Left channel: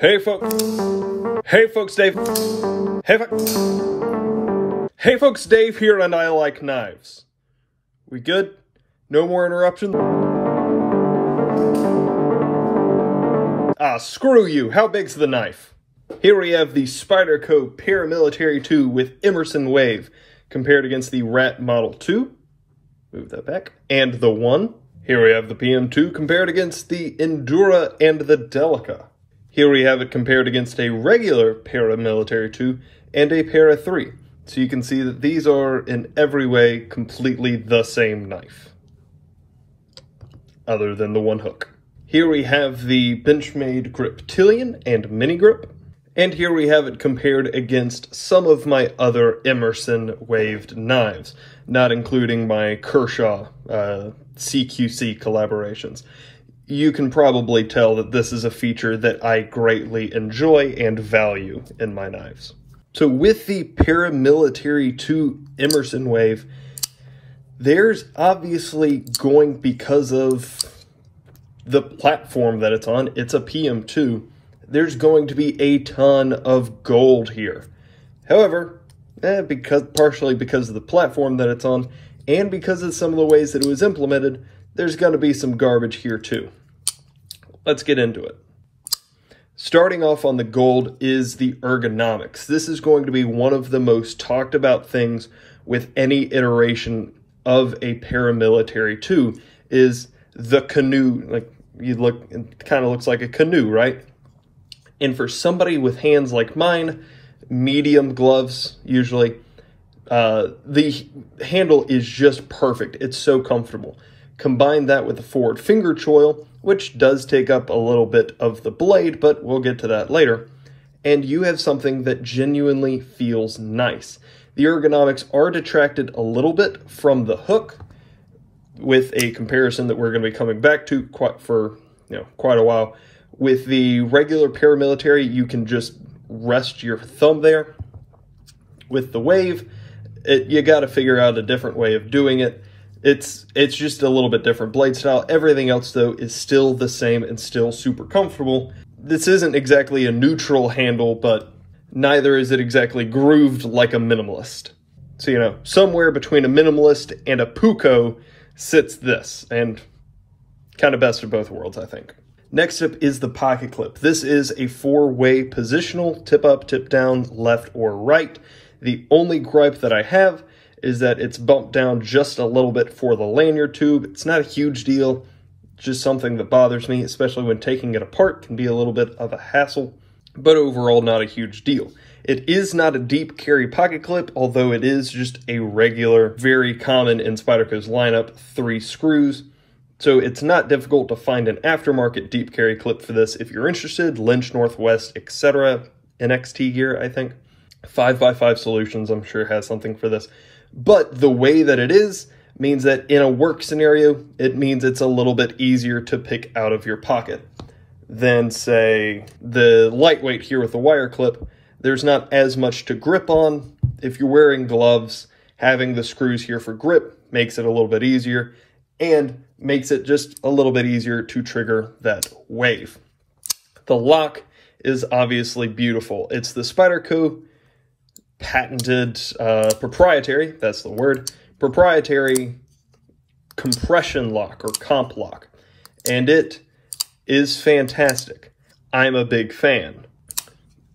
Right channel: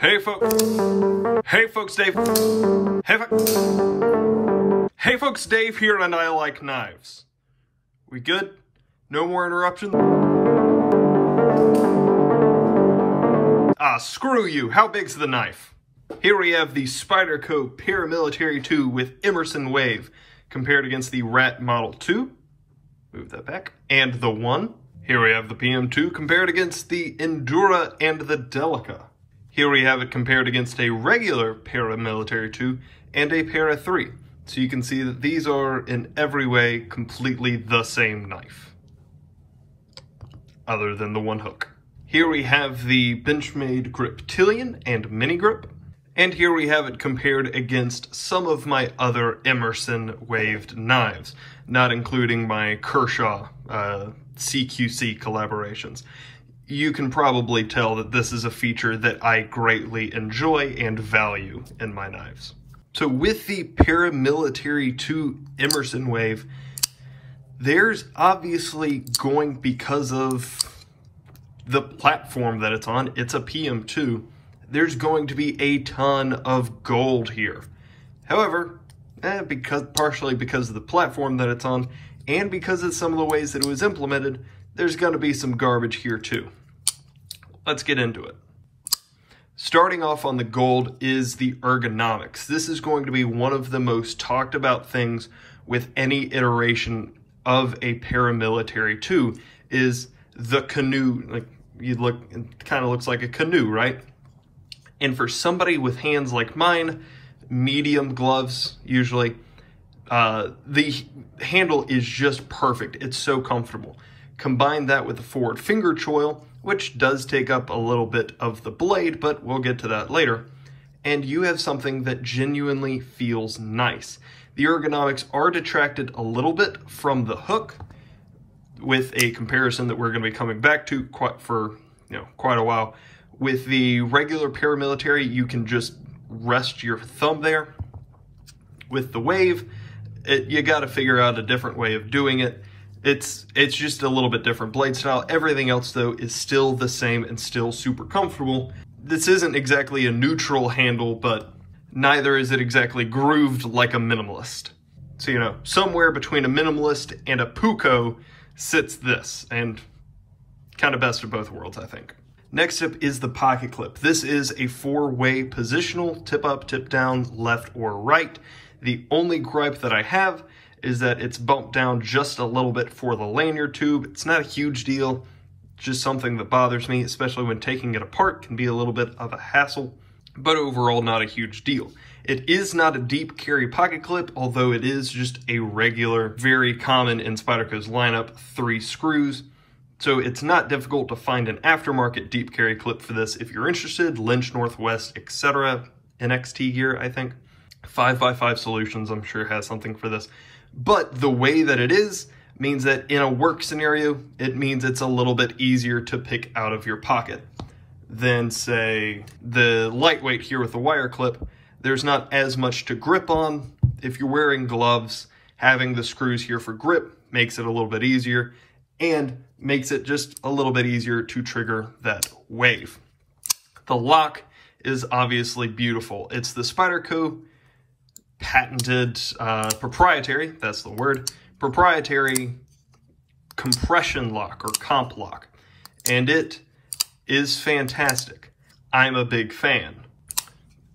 Hey folks. Hey folks, Dave. Hey folks, Dave here, and I like knives. We good? No more interruptions? Ah, screw you. How big's the knife? Here we have the Spyderco Paramilitary 2 with Emerson Wave compared against the Rat Model 2. Move that back. And the 1. Here we have the PM2 compared against the Endura and the Delica. Here we have it compared against a regular Paramilitary 2 and a Para 3. So you can see that these are in every way completely the same knife, other than the one hook. Here we have the Benchmade Griptilian and Mini Grip. And here we have it compared against some of my other Emerson waved knives, not including my Kershaw CQC collaborations. You can probably tell that this is a feature that I greatly enjoy and value in my knives. So with the Paramilitary 2 Emerson Wave, there's obviously going, because of the platform that it's on, it's a PM2, there's going to be a ton of gold here. However, partially because of the platform that it's on, and because of some of the ways that it was implemented, there's going to be some garbage here too. Let's get into it. Starting off on the gold is the ergonomics. This is going to be one of the most talked about things with any iteration of a Paramilitary 2, is the canoe. Like, it kind of looks like a canoe, right? And for somebody with hands like mine, medium gloves usually, the handle is just perfect. It's so comfortable. Combine that with the forward finger choil, which does take up a little bit of the blade, but we'll get to that later, and you have something that genuinely feels nice. The ergonomics are detracted a little bit from the hook, with a comparison that we're going to be coming back to quite a while. With the regular Paramilitary, you can just rest your thumb there. With the Wave, you got to figure out a different way of doing it. It's just a little bit different blade style. Everything else, though, is still the same and still super comfortable. This isn't exactly a neutral handle, but neither is it exactly grooved like a minimalist. So, somewhere between a minimalist and a Puko sits this, and kind of best of both worlds, I think. Next up is the pocket clip. This is a 4-way positional, tip up, tip down, left or right. The only gripe that I have is that it's bumped down just a little bit for the lanyard tube. It's not a huge deal, just something that bothers me, especially when taking it apart. Can be a little bit of a hassle, but overall not a huge deal. It is not a deep carry pocket clip, although it is just a regular, very common in Spyderco's lineup, 3 screws. So it's not difficult to find an aftermarket deep carry clip for this if you're interested. Lynch, Northwest, etc. NXT gear, I think. 5x5 Solutions, I'm sure, has something for this. But the way that it is means that in a work scenario, it means it's a little bit easier to pick out of your pocket than, say, the lightweight here with the wire clip. There's not as much to grip on. If you're wearing gloves, having the screws here for grip makes it a little bit easier and makes it just a little bit easier to trigger that wave. The lock is obviously beautiful. It's the Spyderco patented, proprietary, that's the word, proprietary compression lock or comp lock. And it is fantastic. I'm a big fan.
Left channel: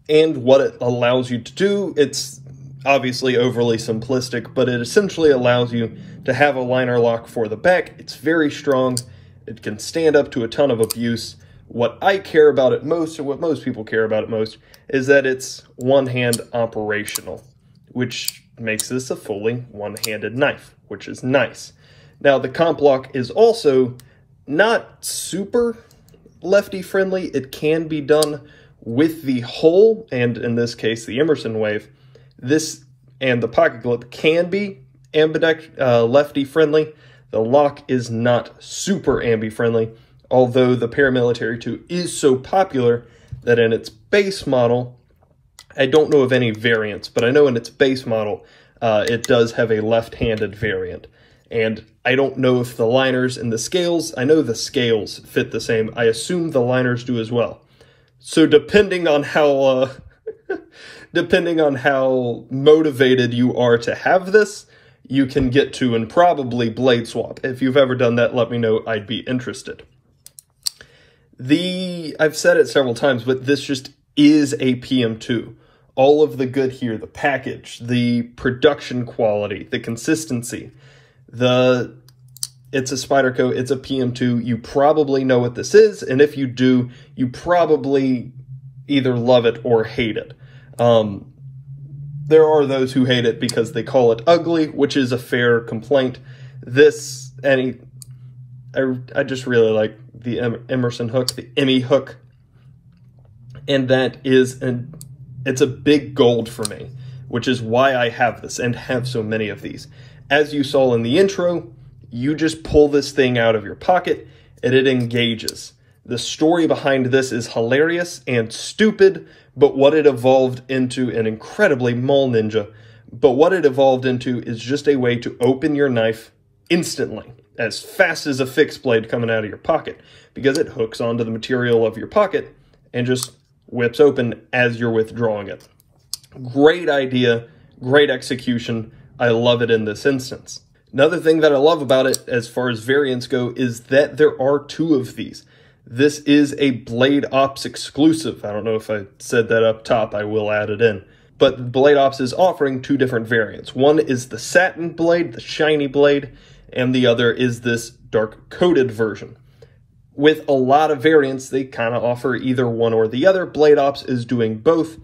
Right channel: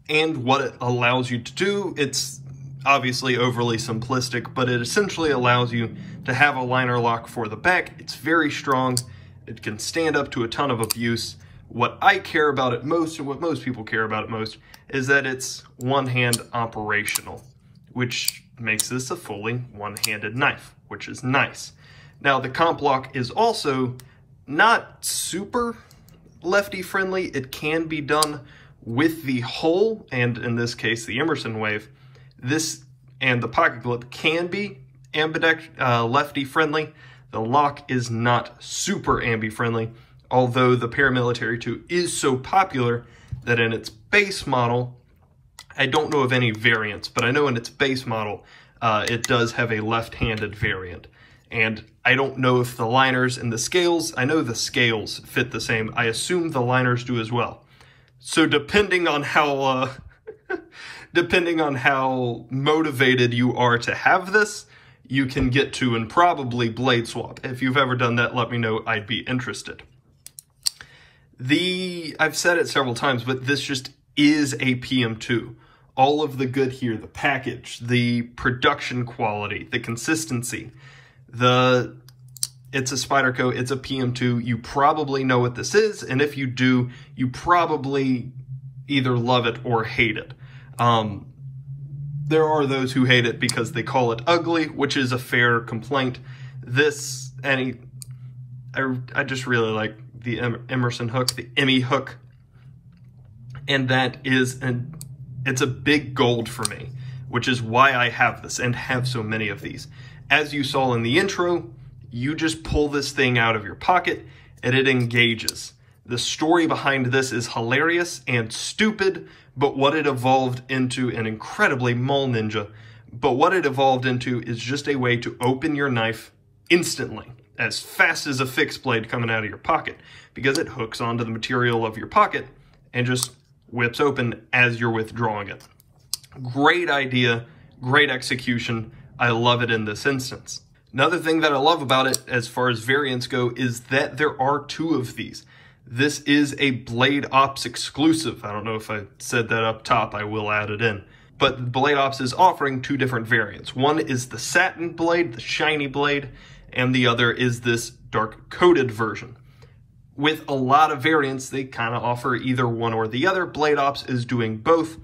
And what it allows you to do, it's obviously overly simplistic, but it essentially allows you to have a liner lock for the back. It's very strong. It can stand up to a ton of abuse. What I care about it most, and what most people care about it most, is that it's one-hand operational, which makes this a fully one-handed knife, which is nice. Now, the comp lock is also not super lefty-friendly. It can be done with the hole, and in this case, the Emerson Wave. This and the pocket clip can be lefty-friendly. The lock is not super ambi-friendly, although the Paramilitary 2 is so popular that in its base model, I don't know of any variants, but I know in its base model, it does have a left-handed variant. And I don't know if the liners and the scales, I know the scales fit the same. I assume the liners do as well. So depending on how depending on how motivated you are to have this, you can get to and probably blade swap. If you've ever done that, let me know. I'd be interested. I've said it several times, but this just is a PM2. All of the good here, the package, the production quality, the consistency, it's a Spyderco, it's a PM2. You probably know what this is, and if you do, you probably either love it or hate it. There are those who hate it because they call it ugly, which is a fair complaint. I just really like the Emerson hook, the Emmy hook, and it's a big gold for me, which is why I have this and have so many of these. As you saw in the intro, you just pull this thing out of your pocket and it engages. The story behind this is hilarious and stupid, but what it evolved into, an incredibly mall ninja, but what it evolved into is just a way to open your knife instantly, as fast as a fixed blade coming out of your pocket, because it hooks onto the material of your pocket and just whips open as you're withdrawing it. Great idea, great execution. I love it in this instance. Another thing that I love about it, as far as variants go, is that there are 2 of these. This is a Blade Ops exclusive. I don't know if I said that up top, I will add it in. But Blade Ops is offering 2 different variants. One is the satin blade, the shiny blade, and the other is this dark coated version. With a lot of variants, they kind of offer either one or the other. Blade Ops is doing both.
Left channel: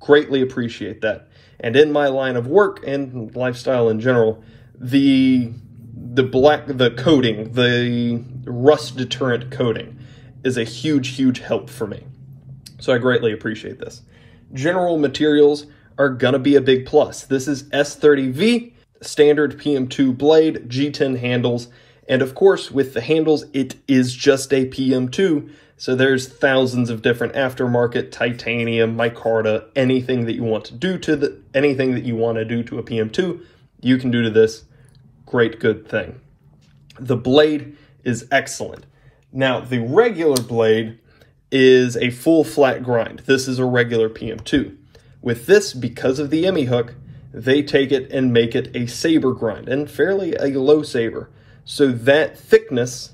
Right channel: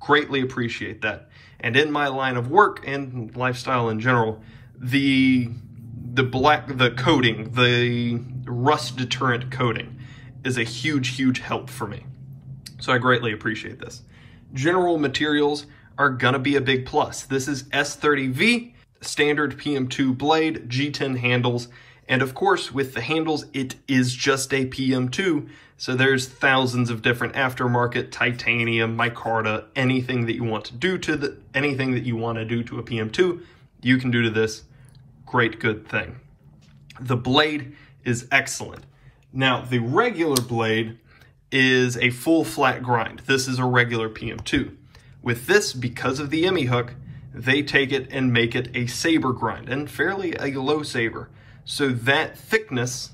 Greatly appreciate that. And in my line of work and lifestyle in general, the coating, the rust deterrent coating is a huge help for me. So I greatly appreciate this. General materials are gonna be a big plus. This is S30V, standard PM2 blade, G10 handles, and of course with the handles, it is just a PM2, so there's thousands of different aftermarket, titanium, micarta, anything that you want to do to a PM2, you can do to this. Great, good thing. The blade is excellent. Now, the regular blade is a full flat grind. This is a regular PM2. With this, because of the Emmy hook, they take it and make it a saber grind, and fairly a low saber. So that thickness,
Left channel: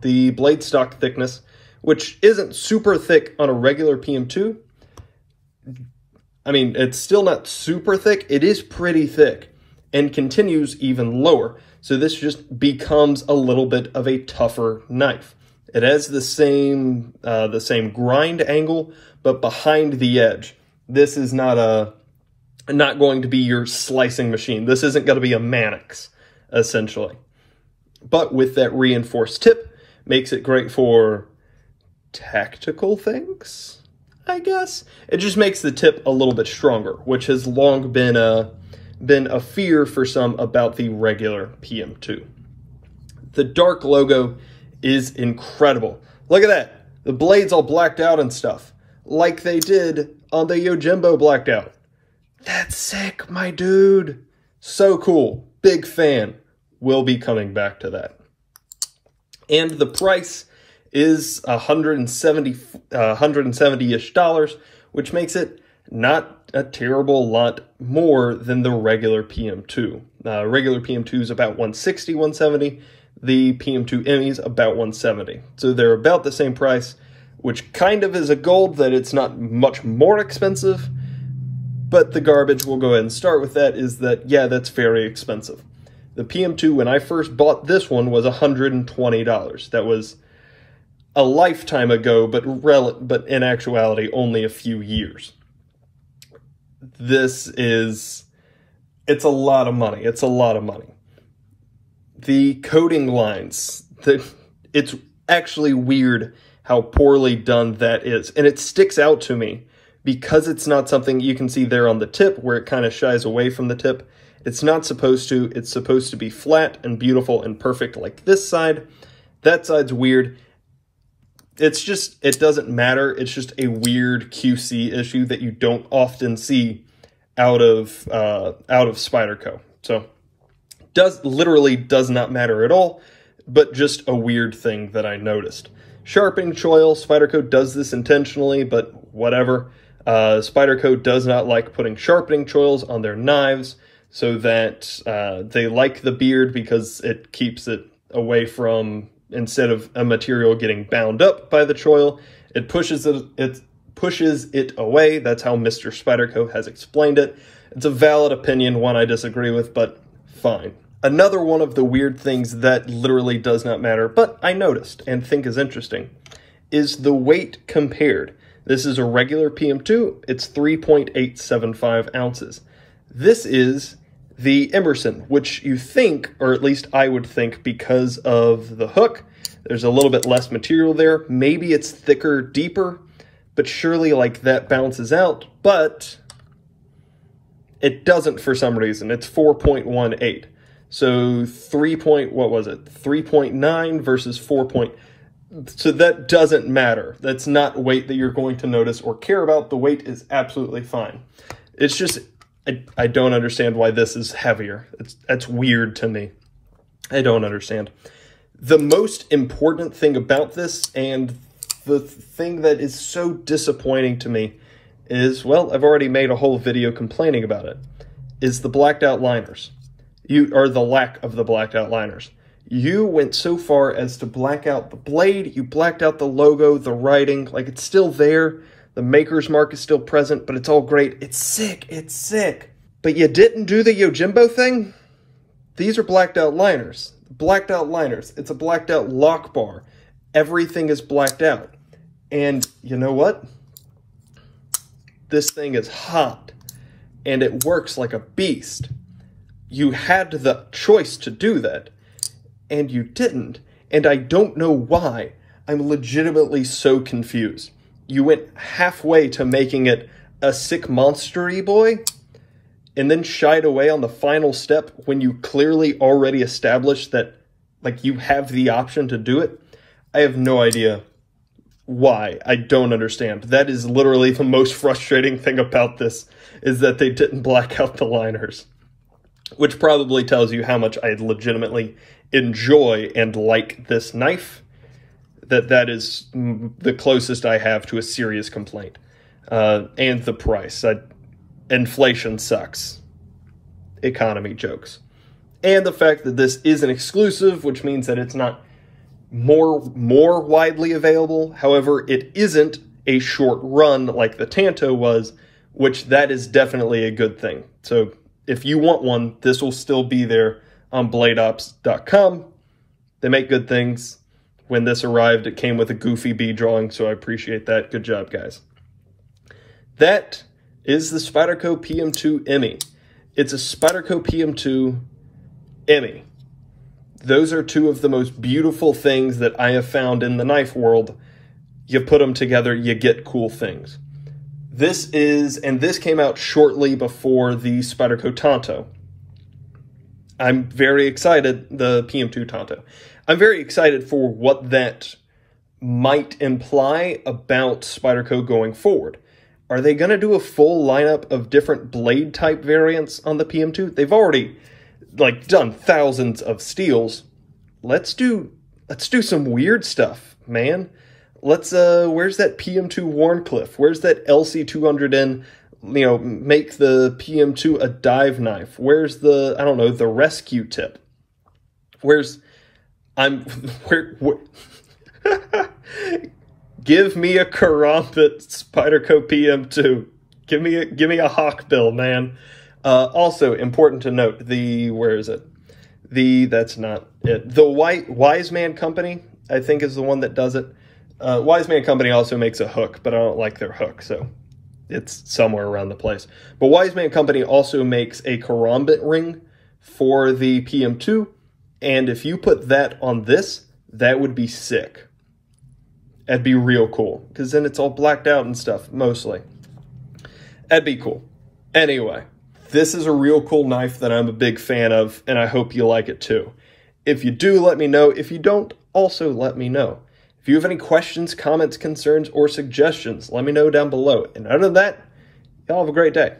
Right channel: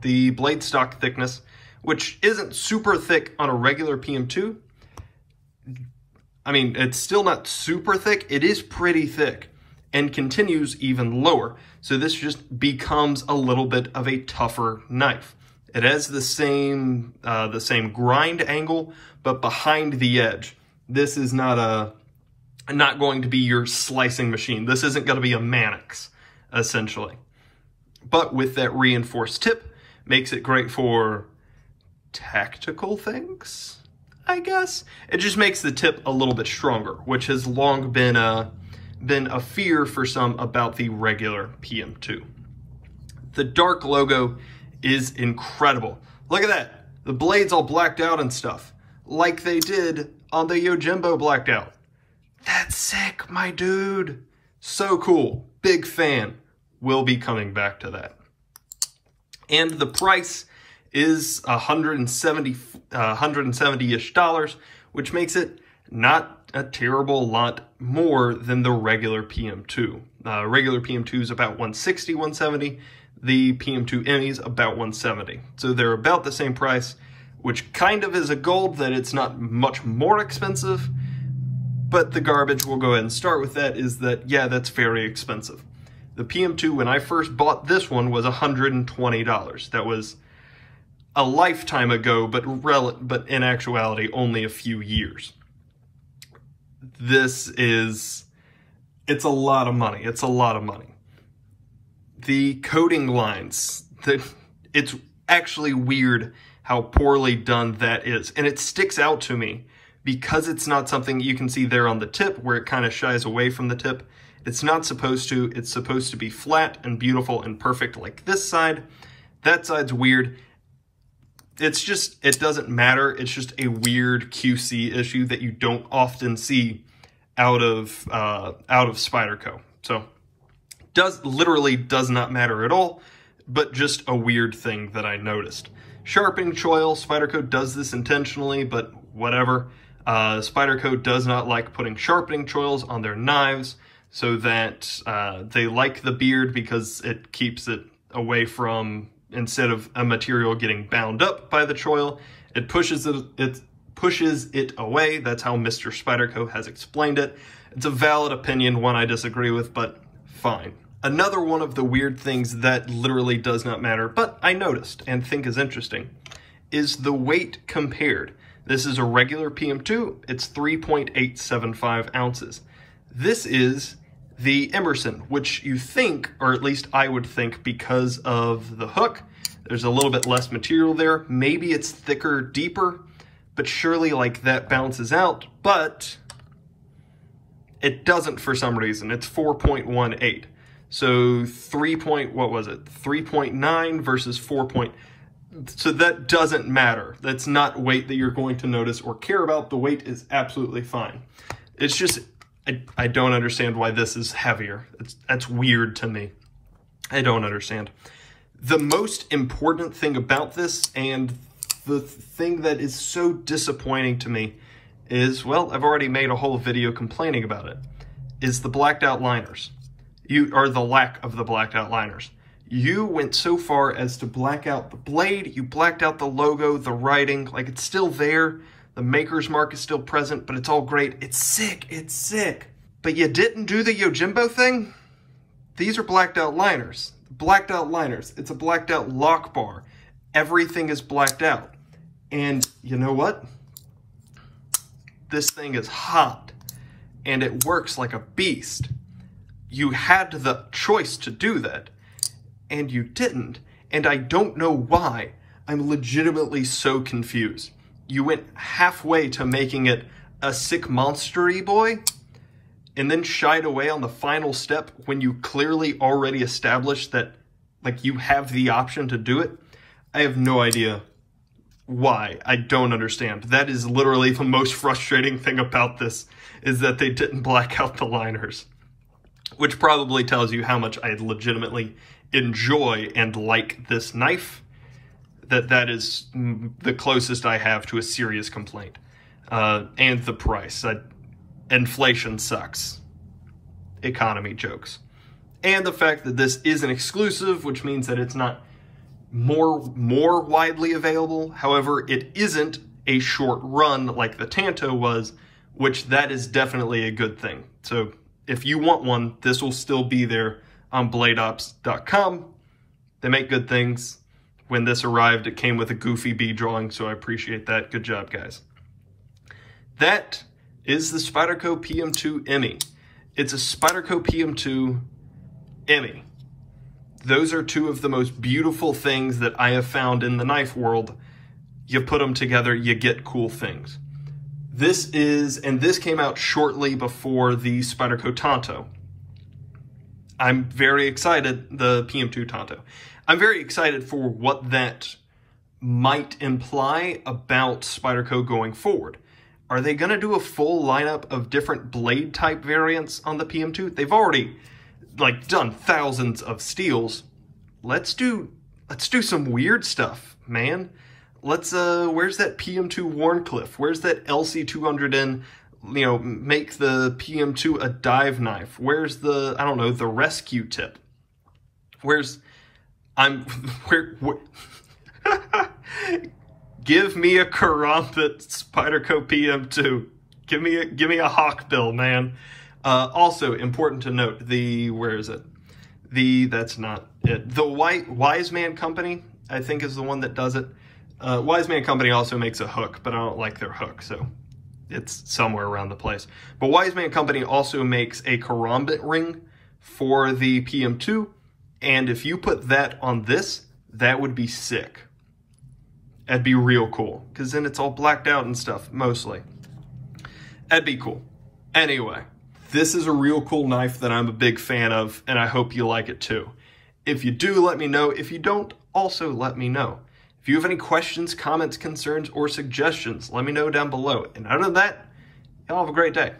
the blade stock thickness, which isn't super thick on a regular PM2, I mean, it's still not super thick, it is pretty thick, and continues even lower. So this just becomes a little bit of a tougher knife. It has the same grind angle, but behind the edge. This is not going to be your slicing machine. This isn't going to be a Mannix, essentially. But with that reinforced tip, makes it great for tactical things, I guess. It just makes the tip a little bit stronger, which has long been a fear for some about the regular PM2. The dark logo is incredible. Look at that. The blade's all blacked out and stuff, like they did on the Yojimbo blacked out. That's sick, my dude. So cool. Big fan. We'll be coming back to that. And the price is $170-ish dollars, which makes it not a terrible lot more than the regular PM2. Regular PM2 is about $160, $170. The PM2 Emmy's about $170. So they're about the same price, which kind of is a gold that it's not much more expensive, but the garbage, we'll go ahead and start with that, is that, yeah, that's very expensive. The PM2, when I first bought this one, was $120. That was a lifetime ago, but in actuality, only a few years. It's a lot of money. It's a lot of money. The coating lines, it's actually weird how poorly done that is. And it sticks out to me because it's not something you can see there on the tip where it kind of shies away from the tip. It's not supposed to. It's supposed to be flat and beautiful and perfect like this side. That side's weird. It's just, it doesn't matter. It's just a weird QC issue that you don't often see out of Spyderco. So literally does not matter at all, but just a weird thing that I noticed. Sharpening choil, Spyderco does this intentionally, but whatever. Spyderco does not like putting sharpening choils on their knives, so that they like the beard because it keeps it away from, instead of a material getting bound up by the choil, it pushes it away. That's how Mr. Spyderco has explained it. It's a valid opinion, one I disagree with, but fine. Another one of the weird things that literally does not matter, but I noticed and think is interesting, is the weight compared. This is a regular PM2, it's 3.875 ounces. This is the Emerson, which you think, or at least I would think, because of the hook, there's a little bit less material there. Maybe it's thicker, deeper, but surely like that bounces out, but it doesn't for some reason. It's 4.18. So 3.9 versus 4. So that doesn't matter. That's not weight that you're going to notice or care about. The weight is absolutely fine. It's just, I don't understand why this is heavier. That's weird to me. I don't understand. The most important thing about this, and the thing that is so disappointing to me, is, well, I've already made a whole video complaining about it, is the blacked out liners. Or the lack of the blacked out liners. You went so far as to black out the blade, you blacked out the logo, the writing, like it's still there. The maker's mark is still present, but it's all great. It's sick, it's sick. But you didn't do the Yojimbo thing? These are blacked out liners. Blacked out liners. It's a blacked out lock bar. Everything is blacked out. And you know what? This thing is hot. And it works like a beast. You had the choice to do that. And you didn't. And I don't know why. I'm legitimately so confused. You went halfway to making it a sick monster-y boy, and then shied away on the final step when you clearly already established that, like, you have the option to do it. I have no idea why. I don't understand. That is literally the most frustrating thing about this, is that they didn't black out the liners, which probably tells you how much I legitimately enjoy and like this knife. That is the closest I have to a serious complaint. And the price. Inflation sucks. Economy jokes. And the fact that this is an exclusive, which means that it's not more widely available. However, it isn't a short run like the Tanto was, which that is definitely a good thing. So if you want one, this will still be there on bladeops.com. They make good things. When this arrived, it came with a goofy bee drawing, so I appreciate that. Good job, guys. That is the Spyderco PM2 Emmy. It's a Spyderco PM2 Emmy. Those are two of the most beautiful things that I have found in the knife world. You put them together, you get cool things. This came out shortly before the Spyderco Tanto. I'm very excited, the PM2 Tanto. I'm very excited for what that might imply about Spyderco going forward. Are they going to do a full lineup of different blade type variants on the PM2? They've already done thousands of steels. Let's do some weird stuff, man. Where's that PM2 Warncliffe? Where's that LC200N, make the PM2 a dive knife? Where's the, I don't know, the rescue tip? Give me a karambit Spyderco PM2. Give me a hawkbill, man. Also important to note, that's not it. The Wise Man Company, I think, is the one that does it. Wise Man Company also makes a hook, but I don't like their hook, so it's somewhere around the place. But Wise Man Company also makes a karambit ring for the PM2, and if you put that on this, that would be sick. That'd be real cool, because then it's all blacked out and stuff, mostly. That'd be cool. Anyway, this is a real cool knife that I'm a big fan of, and I hope you like it too. If you do, let me know. If you don't, also let me know. If you have any questions, comments, concerns, or suggestions, let me know down below. And other than that, y'all have a great day.